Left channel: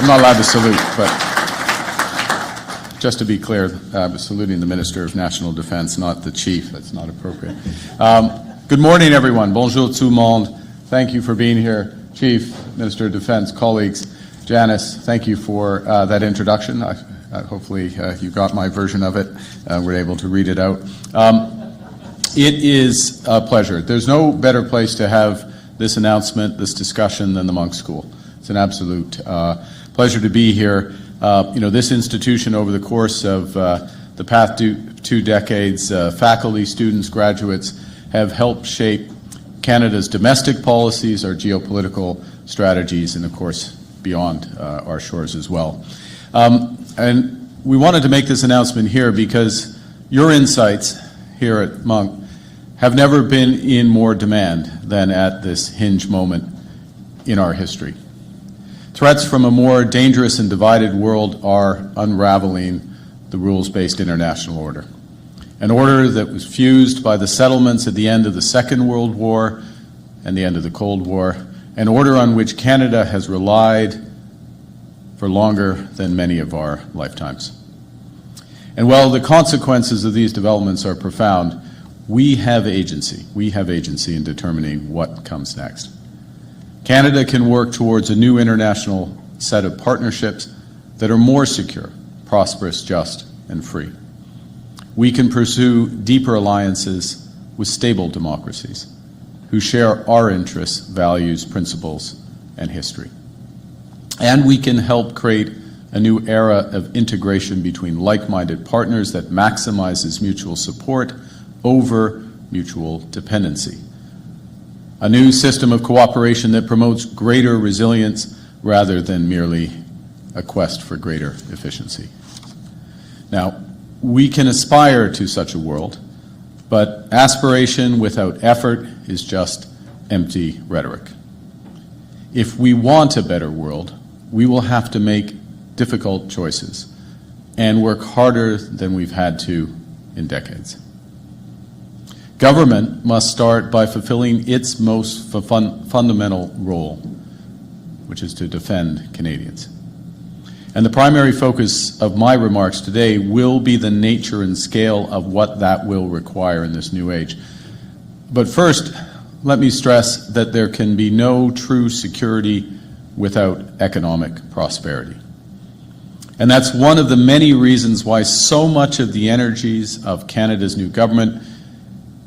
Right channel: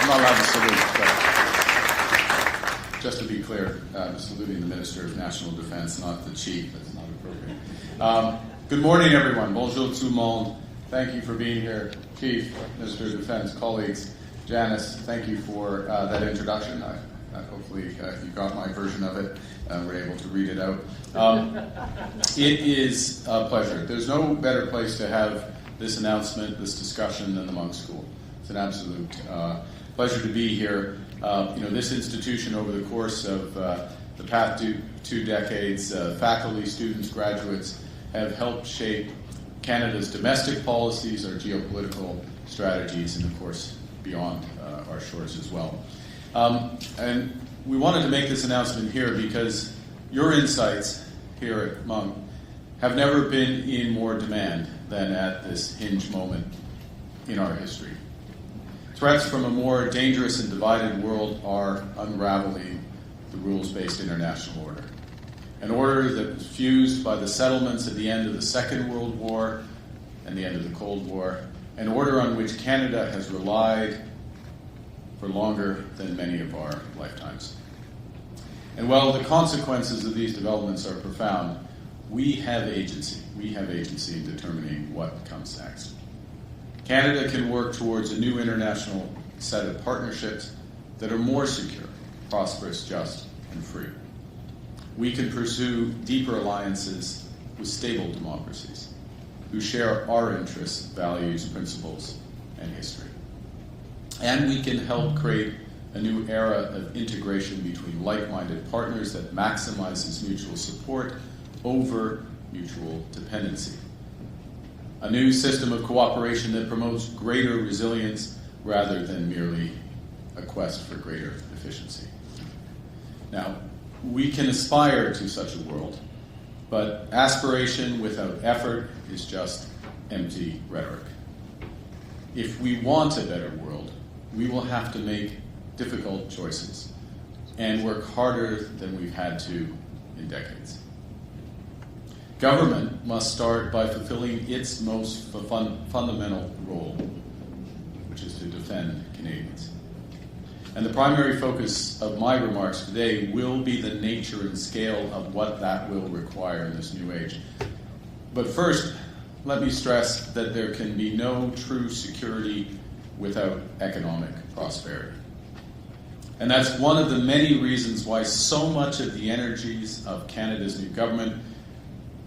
I'm not allowed to salute, but just to be clear, I'm saluting the Minister of National Defense, not the Chief. That's not appropriate. Good morning, everyone. Bonjour tout le monde. Thank you for being here, Chief, Minister of Defense, colleagues. Janice, thank you for that introduction. Hopefully you got my version of it. We're able to read it out. It is a pleasure. There's no better place to have this announcement, this discussion, than the Monk School. It's an absolute pleasure to be here. This institution, over the course of the past two decades, faculty, students, graduates have helped shape Canada's domestic policies, our geopolitical strategies, and of course beyond our shores as well. And we wanted to make this announcement here because your insights here at Monk have never been in more demand than at this hinge moment in our history. Threats from a more dangerous and divided world are unraveling the rules-based international order. An order that was fused by the settlements at the end of the Second World War and the end of the Cold War, an order on which Canada has relied for longer than many of our lifetimes. And while the consequences of these developments are profound, we have agency. We have agency in determining what comes next. Canada can work towards a new international set of partnerships that are more secure, prosperous, just, and free. We can pursue deeper alliances with stable democracies who share our interests, values, principles, and history. And we can help create a new era of integration between like-minded partners that maximizes mutual support over mutual dependency. A new system of cooperation that promotes greater resilience rather than merely a quest for greater efficiency. Now, we can aspire to such a world, but aspiration without effort is just empty rhetoric. If we want a better world, we will have to make difficult choices and work harder than we've had to in decades. Government must start by fulfilling its most fundamental role, which is to defend Canadians. And the primary focus of my remarks today will be the nature and scale of what that will require in this new age. But first, let me stress that there can be no true security without economic prosperity. And that's one of the many reasons why so much of the energies of Canada's new government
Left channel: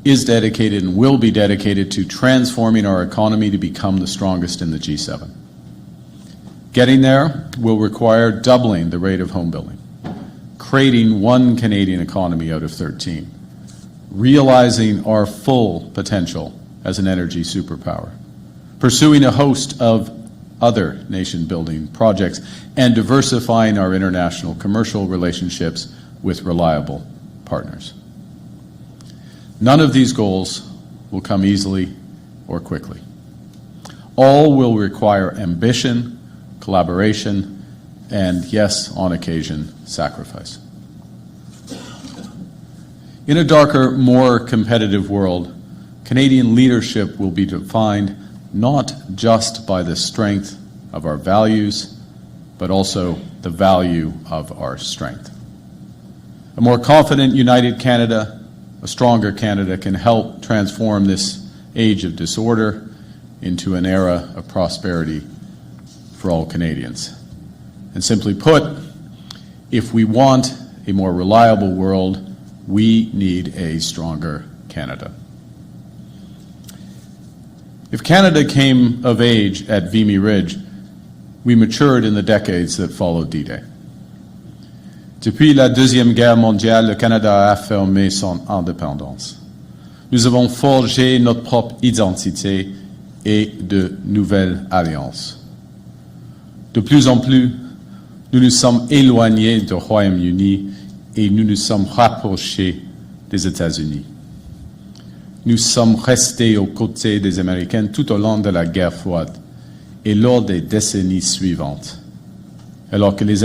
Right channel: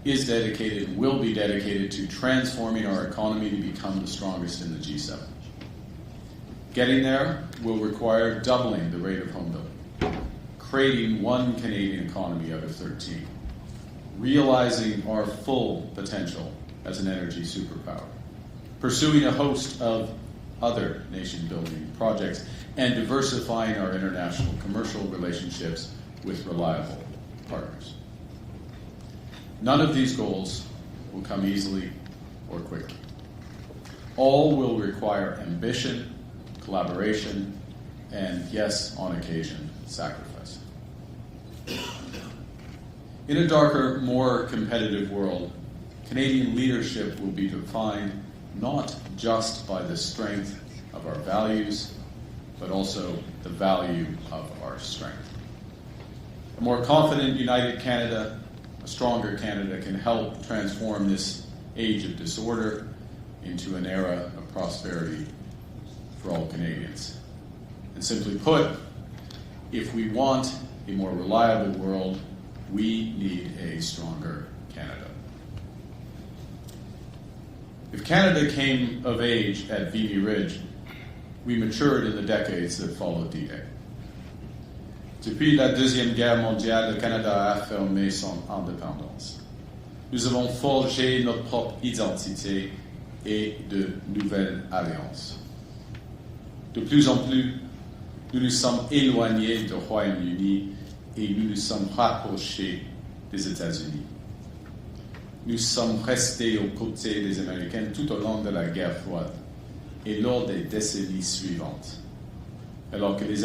is dedicated and will be dedicated to transforming our economy to become the strongest in the G7. Getting there will require doubling the rate of home building, creating one Canadian economy out of 13, realizing our full potential as an energy superpower, pursuing a host of other nation-building projects, and diversifying our international commercial relationships with reliable partners. None of these goals will come easily or quickly. All will require ambition, collaboration, and, yes, on occasion, sacrifice. In a darker, more competitive world, Canadian leadership will be defined not just by the strength of our values, but also the value of our strength. A more confident, united Canada, a stronger Canada, can help transform this age of disorder into an era of prosperity for all Canadians. And simply put, if we want a more reliable world, we need a stronger Canada. If Canada came of age at Vimy Ridge, we matured in the decades that followed D-Day. Depuis la Deuxième Guerre mondiale, le Canada a affirmé son indépendance. Nous avons forgé notre propre identité et de nouvelles alliances. De plus en plus, nous nous sommes éloignés du Royaume-Uni et nous nous sommes rapprochés des États-Unis. Nous sommes restés aux côtés des Américains tout au long de la guerre froide et lors des décennies suivantes, alors que les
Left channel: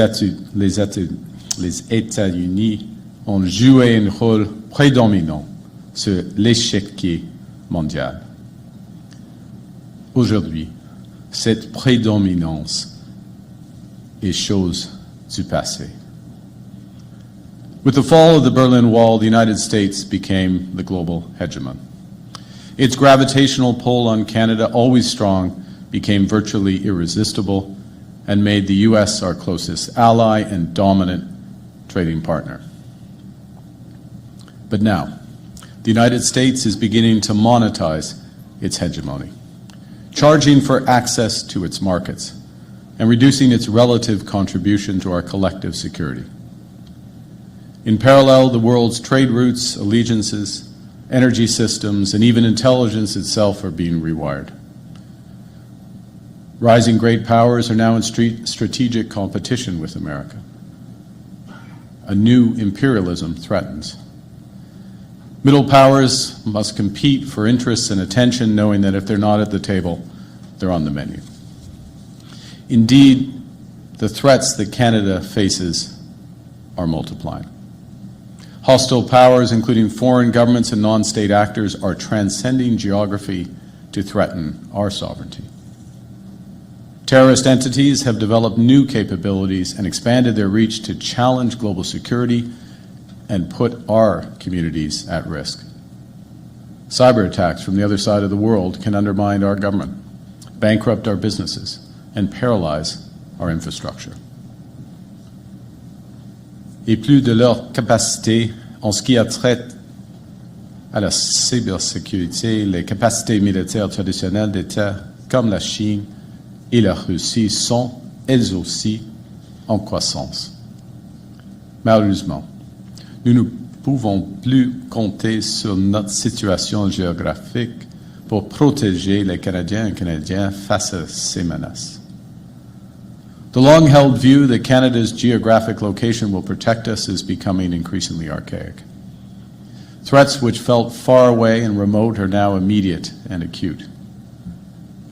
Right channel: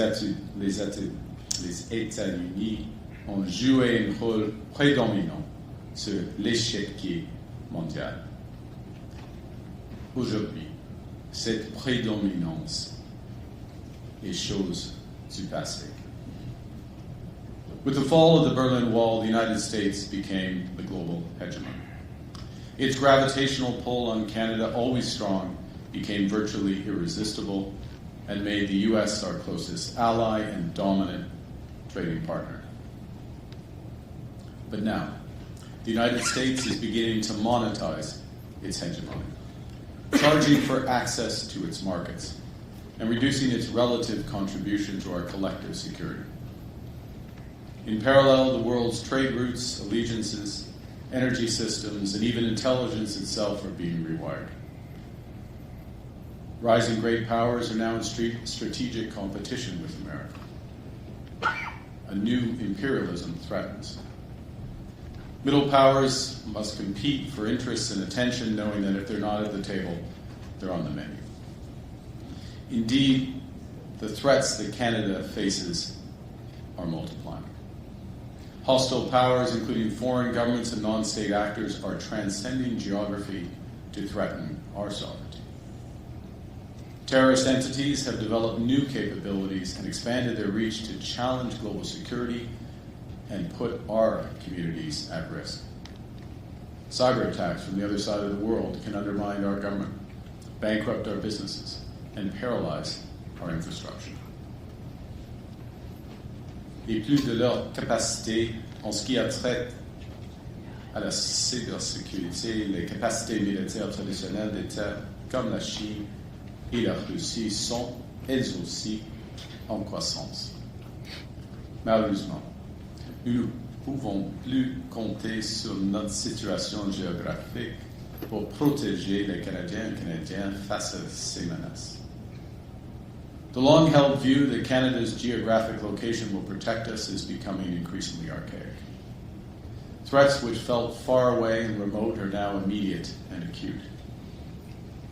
États-Unis ont joué un rôle prédominant sur l'échiquier mondial. Aujourd'hui, cette prédominance et choses du passé. With the fall of the Berlin Wall, the United States became the global hegemon. Its gravitational pull on Canada, always strong, became virtually irresistible and made the U.S. our closest ally and dominant trading partner. But now, the United States is beginning to monetize its hegemony, charging for access to its markets and reducing its relative contribution to our collective security. In parallel, the world's trade routes, allegiances, energy systems, and even intelligence itself are being rewired. Rising great powers are now in strategic competition with America. A new imperialism threatens. Middle powers must compete for interests and attention, knowing that if they're not at the table, they're on the menu. Indeed, the threats that Canada faces are multiplying. Hostile powers, including foreign governments and non-state actors, are transcending geography to threaten our sovereignty. Terrorist entities have developed new capabilities and expanded their reach to challenge global security and put our communities at risk. Cyber attacks from the other side of the world can undermine our government, bankrupt our businesses, and paralyze our infrastructure. Et plus de leur capacité en ce qui a trait à la cybersécurité, les capacités militaires traditionnelles d'États comme la Chine et la Russie sont, elles aussi, en croissance. Malheureusement, nous ne pouvons plus compter sur notre situation géographique pour protéger les Canadiens et Canadiennes face à ces menaces. The long-held view that Canada's geographic location will protect us is becoming increasingly archaic. Threats which felt far away and remote are now immediate and acute.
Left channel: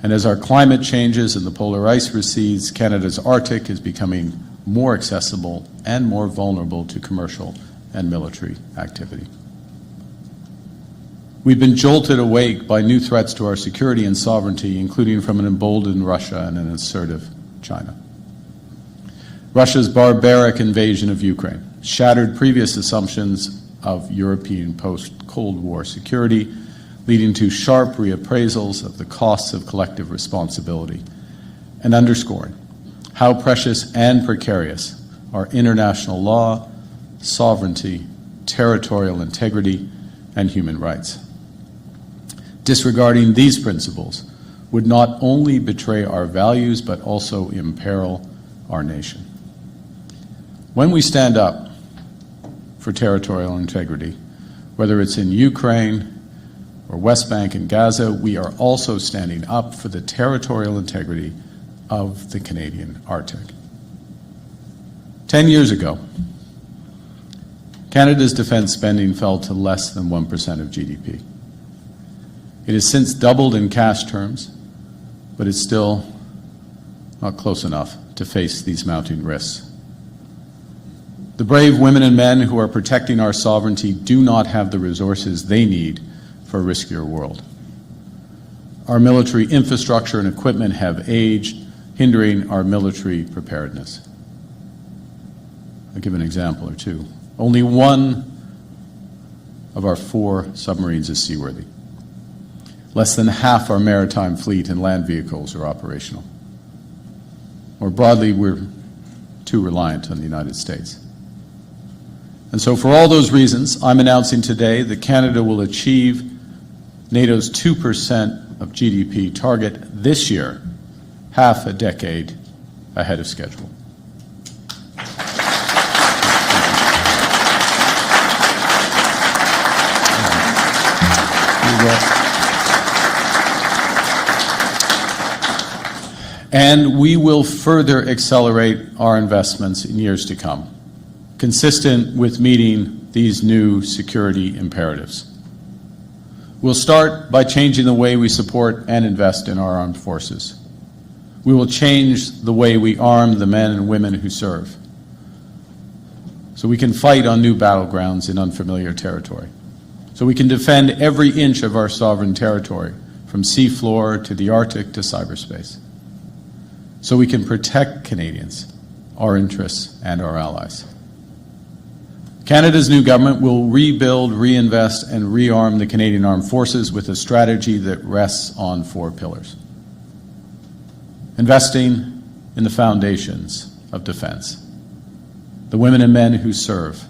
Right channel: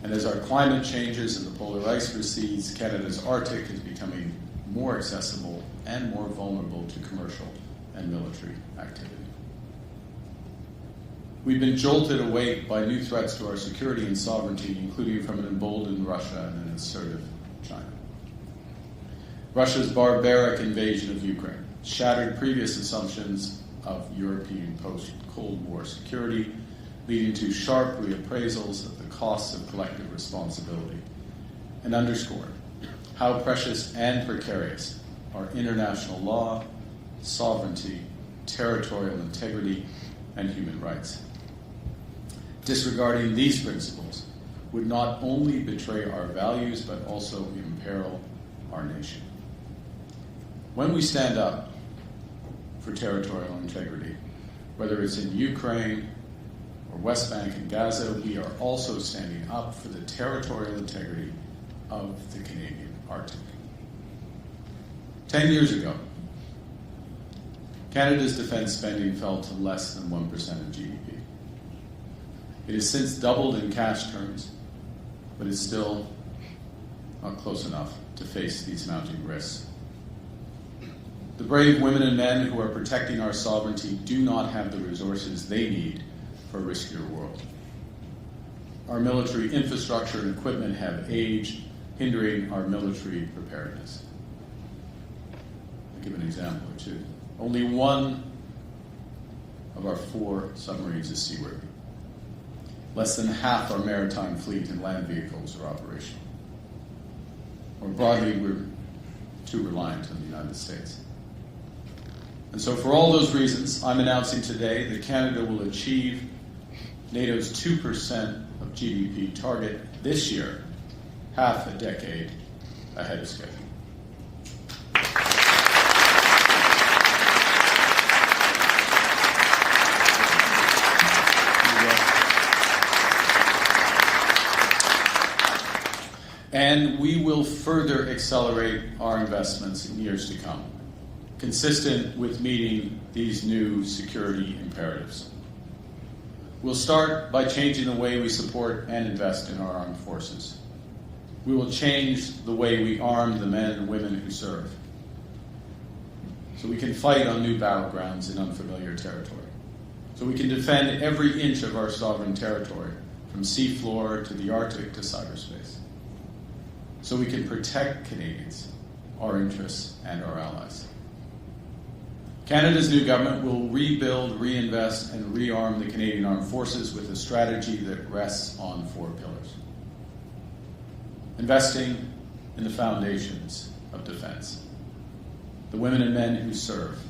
And as our climate changes and the polar ice recedes, Canada's Arctic is becoming more accessible and more vulnerable to commercial and military activity. We've been jolted awake by new threats to our security and sovereignty, including from an emboldened Russia and an assertive China. Russia's barbaric invasion of Ukraine shattered previous assumptions of European post-Cold War security, leading to sharp reappraisals of the costs of collective responsibility, and underscoring how precious and precarious are international law, sovereignty, territorial integrity, and human rights. Disregarding these principles would not only betray our values, but also imperil our nation. When we stand up for territorial integrity, whether it's in Ukraine or West Bank and Gaza, we are also standing up for the territorial integrity of the Canadian Arctic. 10 years ago, Canada's defense spending fell to less than 1% of GDP. It has since doubled in cash terms, but it's still not close enough to face these mounting risks. The brave women and men who are protecting our sovereignty do not have the resources they need for a riskier world. Our military infrastructure and equipment have aged, hindering our military preparedness. I'll give an example or two. Only one of our 4 submarines is seaworthy. Less than half our maritime fleet and land vehicles are operational. More broadly, we're too reliant on the United States. And so for all those reasons, I'm announcing today that Canada will achieve NATO's 2% of GDP target this year, half a decade ahead of schedule. And we will further accelerate our investments in years to come, consistent with meeting these new security imperatives. We'll start by changing the way we support and invest in our armed forces. We will change the way we arm the men and women who serve, so we can fight on new battlegrounds in unfamiliar territory, so we can defend every inch of our sovereign territory, from seafloor to the Arctic to cyberspace, so we can protect Canadians our interests, and our allies. Canada's new government will rebuild, reinvest, and rearm the Canadian Armed Forces with a strategy that rests on 4 pillars. Investing in the foundations of defense, the women and men who serve,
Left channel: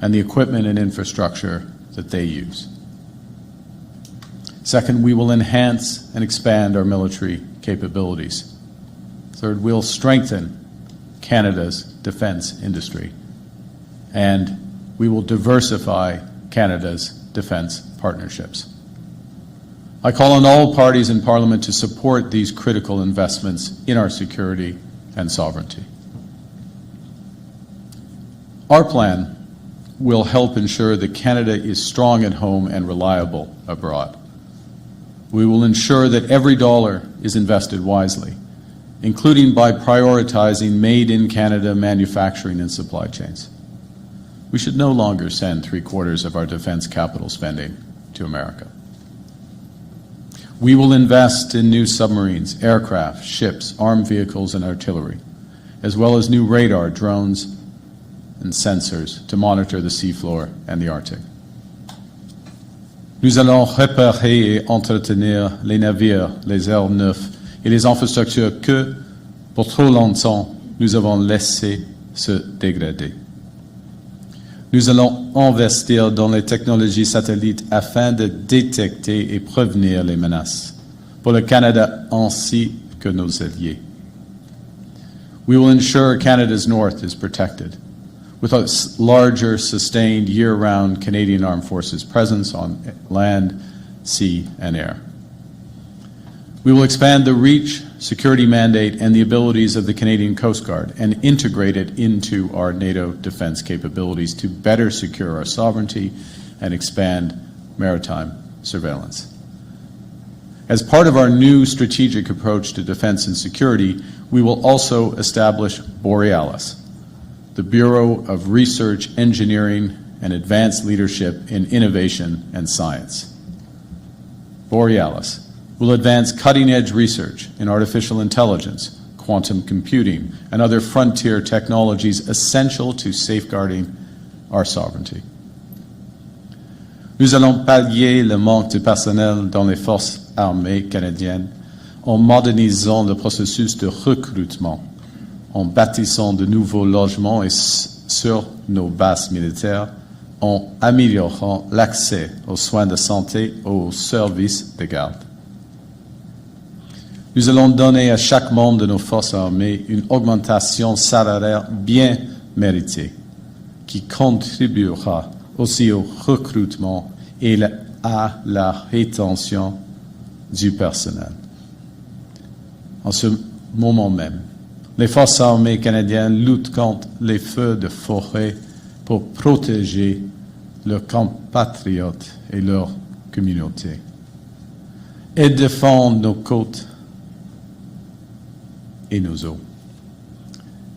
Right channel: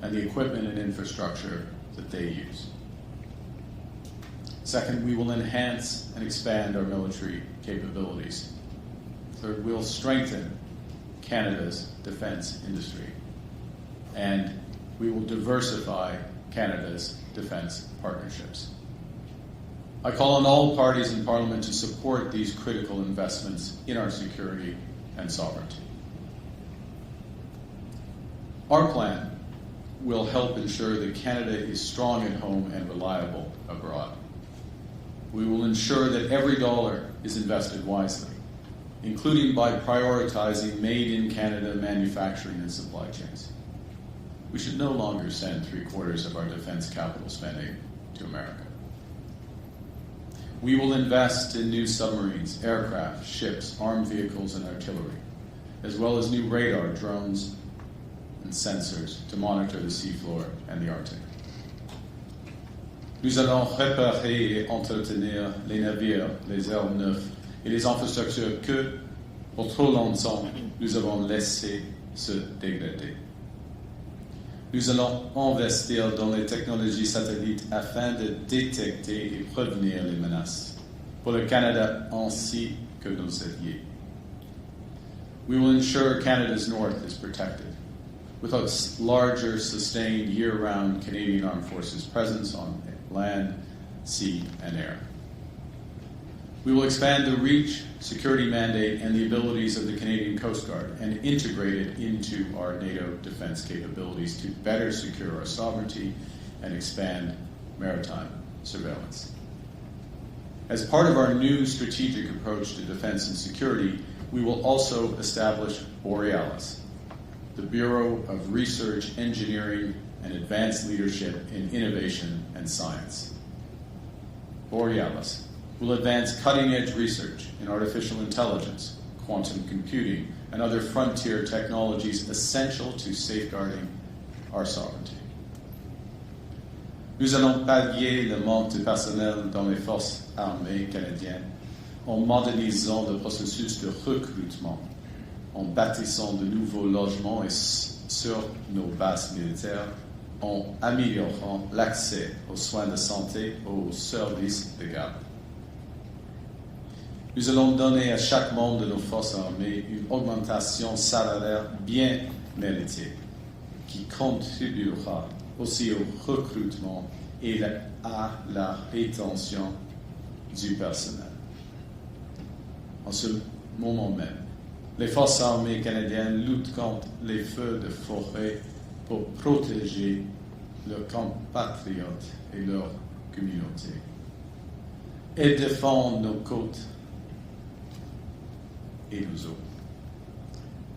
and the equipment and infrastructure that they use. Second, we will enhance and expand our military capabilities. Third, we'll strengthen Canada's defense industry. And we will diversify Canada's defense partnerships. I call on all parties in Parliament to support these critical investments in our security and sovereignty. Our plan will help ensure that Canada is strong at home and reliable abroad. We will ensure that every dollar is invested wisely, including by prioritizing made-in-Canada manufacturing and supply chains. We should no longer send 3/4 of our defense capital spending to America. We will invest in new submarines, aircraft, ships, armed vehicles, and artillery, as well as new radar, drones, and sensors to monitor the seafloor and the Arctic. Nous allons réparer et entretenir les navires, les airs neufs et les infrastructures que, pour trop longtemps, nous avons laissé se dégrader. Nous allons investir dans les technologies satellites afin de détecter et prévenir les menaces pour le Canada ainsi que nos alliés. We will ensure Canada's north is protected with a larger, sustained, year-round Canadian Armed Forces presence on land, sea, and air. We will expand the reach, security mandate, and the abilities of the Canadian Coast Guard and integrate it into our NATO defense capabilities to better secure our sovereignty and expand maritime surveillance. As part of our new strategic approach to defense and security, we will also establish Borealis, the Bureau of Research, Engineering, and Advanced Leadership in Innovation and Science. Borealis will advance cutting-edge research in artificial intelligence, quantum computing, and other frontier technologies essential to safeguarding our sovereignty. Nous allons pallier le manque de personnel dans les forces armées canadiennes en modernisant le processus de recrutement, en bâtissant de nouveaux logements et sur nos bases militaires, en améliorant l'accès aux soins de santé et aux services de garde. Nous allons donner à chaque membre de nos forces armées une augmentation salariale bien méritée qui contribuera aussi au recrutement et à la rétention du personnel. En ce moment même, les forces armées canadiennes luttent contre les feux de forêt pour protéger leurs compatriotes et leurs communautés. Elles défendent nos côtes et nos eaux.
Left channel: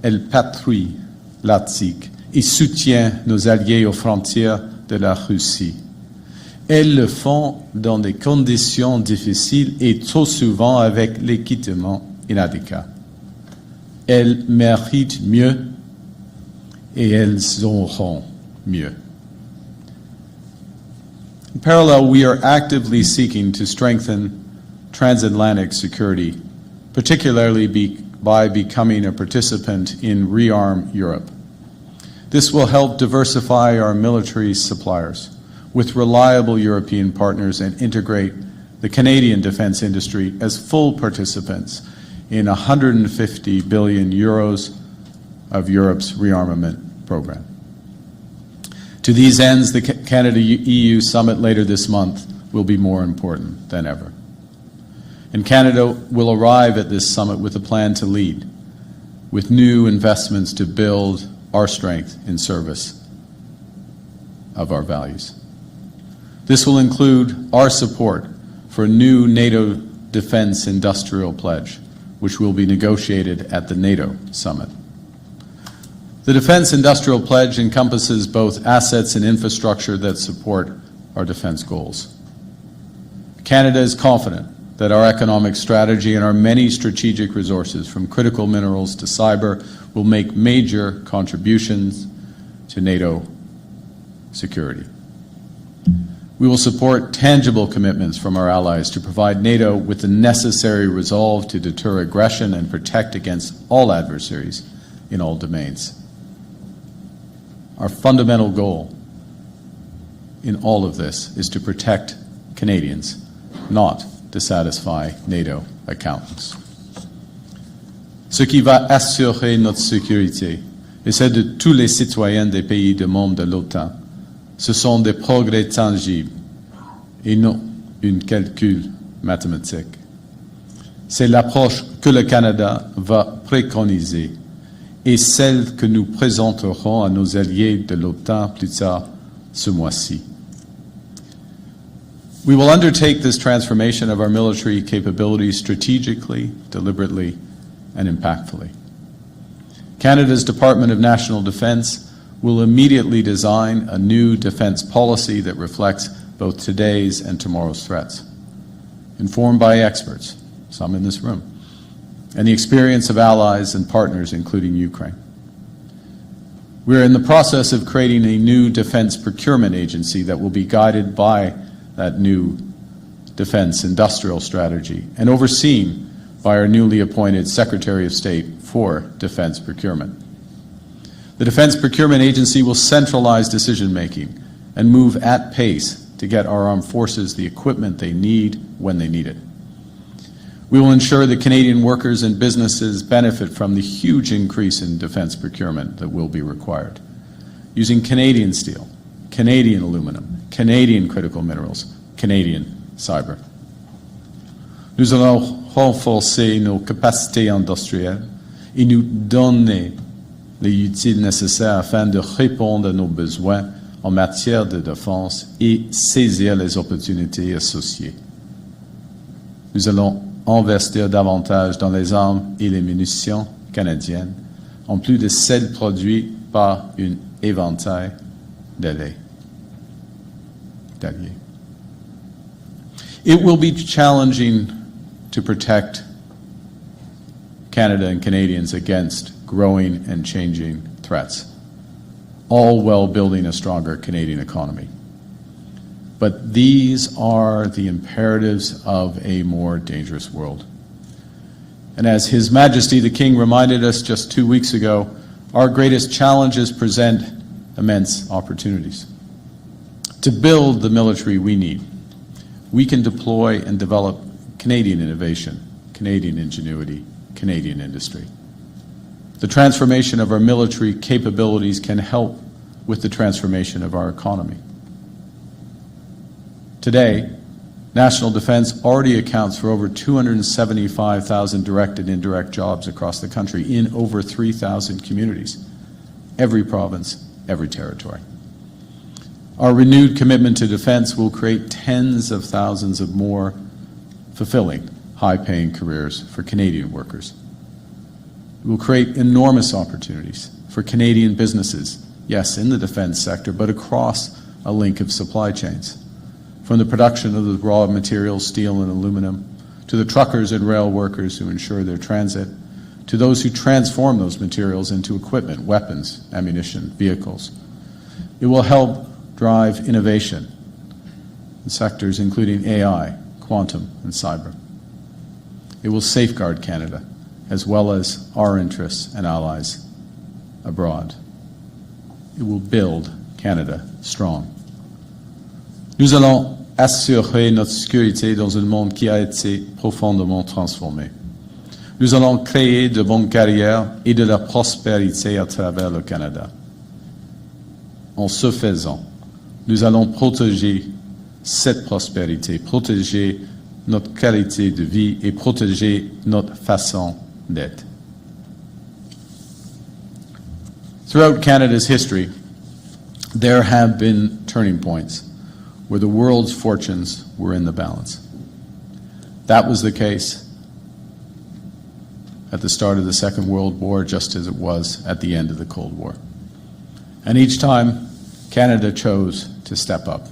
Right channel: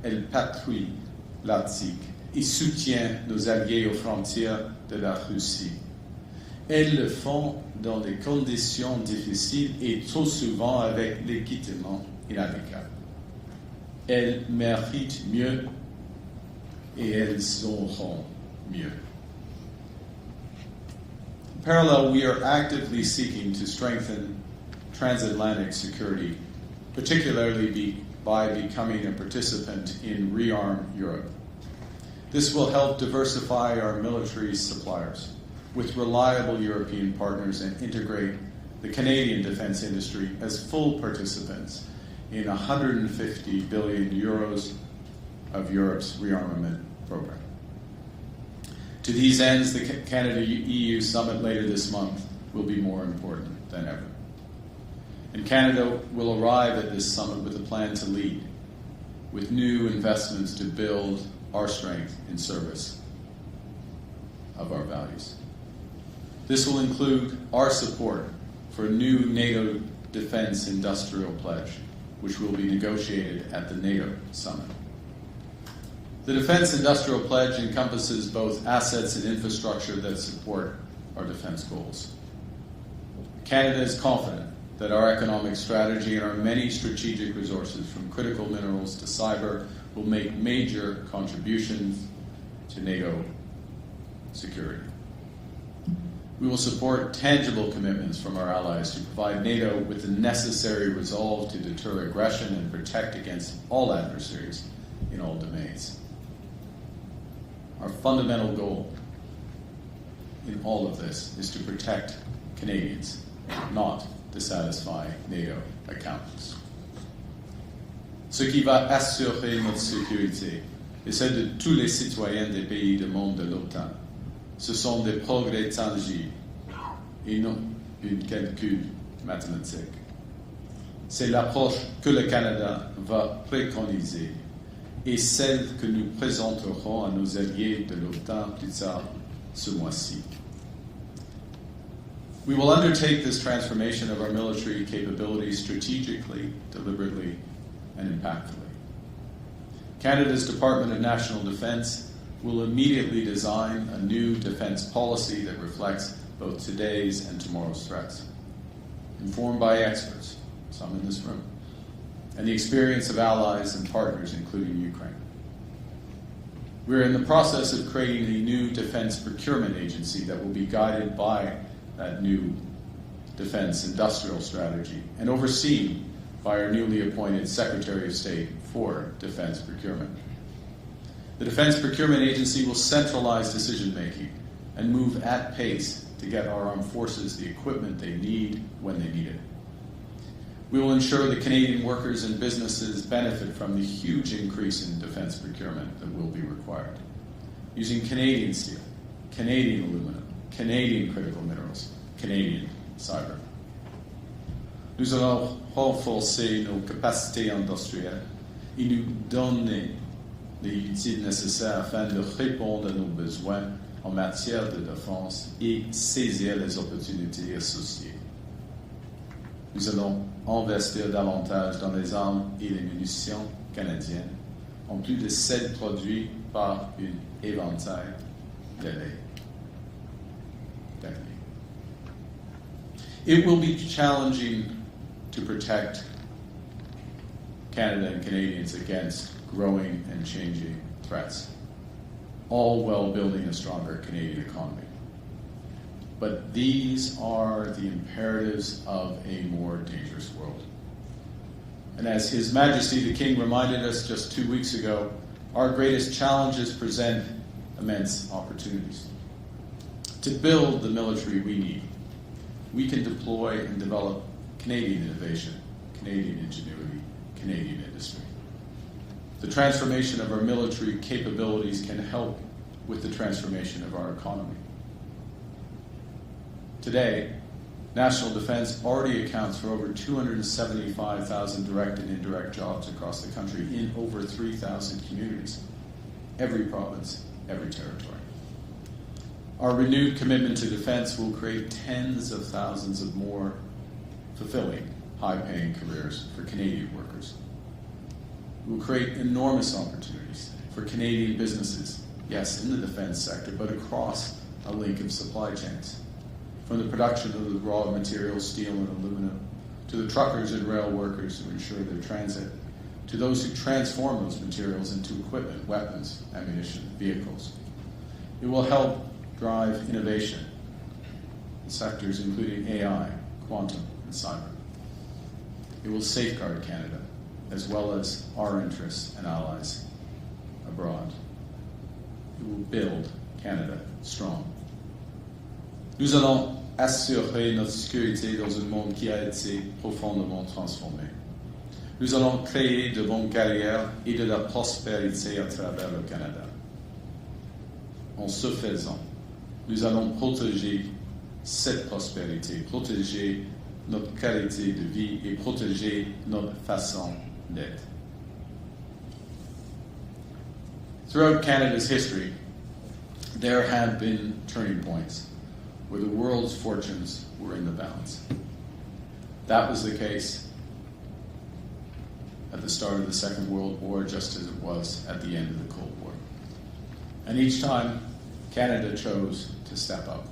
Elles patrouillent l'Arctique et soutiennent nos alliés aux frontières de la Russie. Elles le font dans des conditions difficiles et trop souvent avec l'équipement inadéquat. Elles méritent mieux et elles auront mieux. In parallel, we are actively seeking to strengthen transatlantic security, particularly by becoming a participant in Rearm Europe. This will help diversify our military suppliers with reliable European partners and integrate the Canadian defense industry as full participants in 150 billion euros of Europe's rearmament program. To these ends, the Canada-EU summit later this month will be more important than ever. And Canada will arrive at this summit with a plan to lead, with new investments to build our strength in service of our values. This will include our support for a new NATO defense industrial pledge, which will be negotiated at the NATO summit. The Defense Industrial Pledge encompasses both assets and infrastructure that support our defense goals. Canada is confident that our economic strategy and our many strategic resources, from critical minerals to cyber, will make major contributions to NATO security. We will support tangible commitments from our allies to provide NATO with the necessary resolve to deter aggression and protect against all adversaries in all domains. Our fundamental goal in all of this is to protect Canadians, not to satisfy NATO accountants. Ce qui va assurer notre sécurité et celle de tous les citoyens des pays des membres de l'OTAN, ce sont des progrès tangibles et non un calcul mathématique. C'est l'approche que le Canada va préconiser et celle que nous présenterons à nos alliés de l'OTAN plus tard ce mois-ci. We will undertake this transformation of our military capabilities strategically, deliberately, and impactfully. Canada's Department of National Defence will immediately design a new defence policy that reflects both today's and tomorrow's threats, informed by experts, some in this room, and the experience of allies and partners, including Ukraine. We are in the process of creating a new defence procurement agency that will be guided by that new defence industrial strategy and overseen by our newly appointed Secretary of State for Defence Procurement. The Defence Procurement Agency will centralize decision-making and move at pace to get our armed forces the equipment they need when they need it. We will ensure that Canadian workers and businesses benefit from the huge increase in defence procurement that will be required, using Canadian steel, Canadian aluminum, Canadian critical minerals, Canadian cyber. Nous allons renforcer nos capacités industrielles et nous donner les outils nécessaires afin de répondre à nos besoins en matière de défense et saisir les opportunités associées. Nous allons investir davantage dans les armes et les munitions canadiennes, en plus de celles produites par un éventail d'alliés. It will be challenging to protect Canada and Canadians against growing and changing threats, all while building a stronger Canadian economy. But these are the imperatives of a more dangerous world. And as His Majesty the King reminded us just 2 weeks ago, our greatest challenges present immense opportunities. To build the military we need, we can deploy and develop Canadian innovation, Canadian ingenuity, Canadian industry. The transformation of our military capabilities can help with the transformation of our economy. Today, national defense already accounts for over 275,000 direct and indirect jobs across the country in over 3,000 communities, every province, every territory. Our renewed commitment to defense will create tens of thousands of more fulfilling, high-paying careers for Canadian workers. It will create enormous opportunities for Canadian businesses, yes, in the defense sector, but across a link of supply chains, from the production of the raw materials, steel and aluminum, to the truckers and rail workers who ensure their transit, to those who transform those materials into equipment, weapons, ammunition, vehicles. It will help drive innovation in sectors including AI, quantum, and cyber. It will safeguard Canada, as well as our interests and allies abroad. It will build Canada strong. Nous allons assurer notre sécurité dans un monde qui a été profondément transformé. Nous allons créer de bonnes carrières et de la prospérité à travers le Canada. En ce faisant, nous allons protéger cette prospérité, protéger notre qualité de vie et protéger notre façon d'être. Throughout Canada's history, there have been turning points where the world's fortunes were in the balance. That was the case at the start of the Second World War, just as it was at the end of the Cold War. And each time, Canada chose to step up,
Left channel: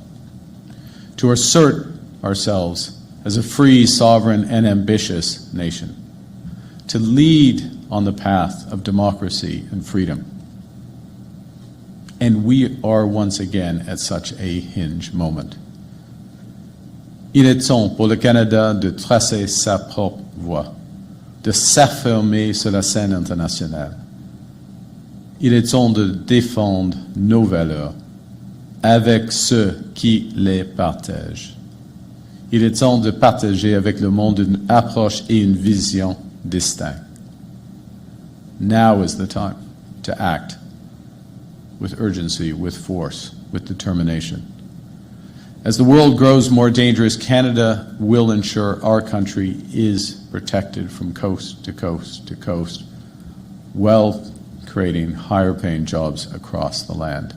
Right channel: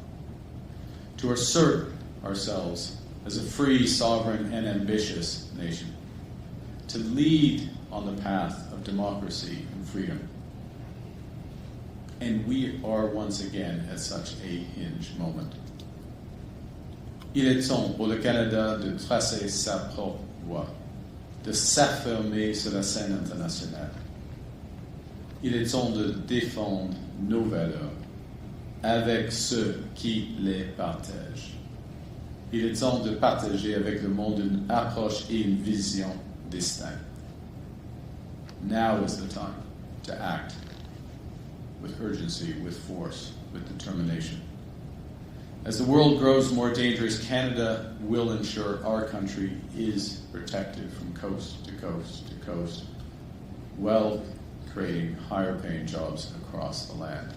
to assert ourselves as a free, sovereign, and ambitious nation, to lead on the path of democracy and freedom. And we are once again at such a hinge moment. Il est temps pour le Canada de tracer sa propre voie, de s'affirmer sur la scène internationale. Il est temps de défendre nos valeurs avec ceux qui les partagent. Il est temps de partager avec le monde une approche et une vision distinctes. Now is the time to act with urgency, with force, with determination. As the world grows more dangerous, Canada will ensure our country is protected from coast to coast to coast, while creating higher-paying jobs across the land.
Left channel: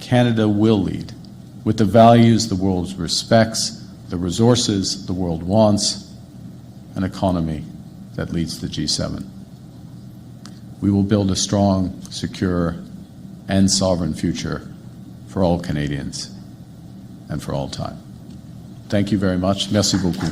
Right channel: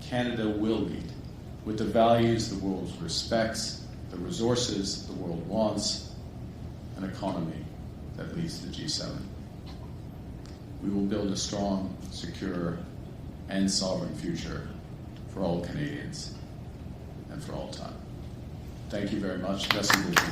Canada will lead with the values the world respects, the resources the world wants, an economy that leads the G7. We will build a strong, secure, and sovereign future for all Canadians and for all time. Thank you very much. Merci beaucoup.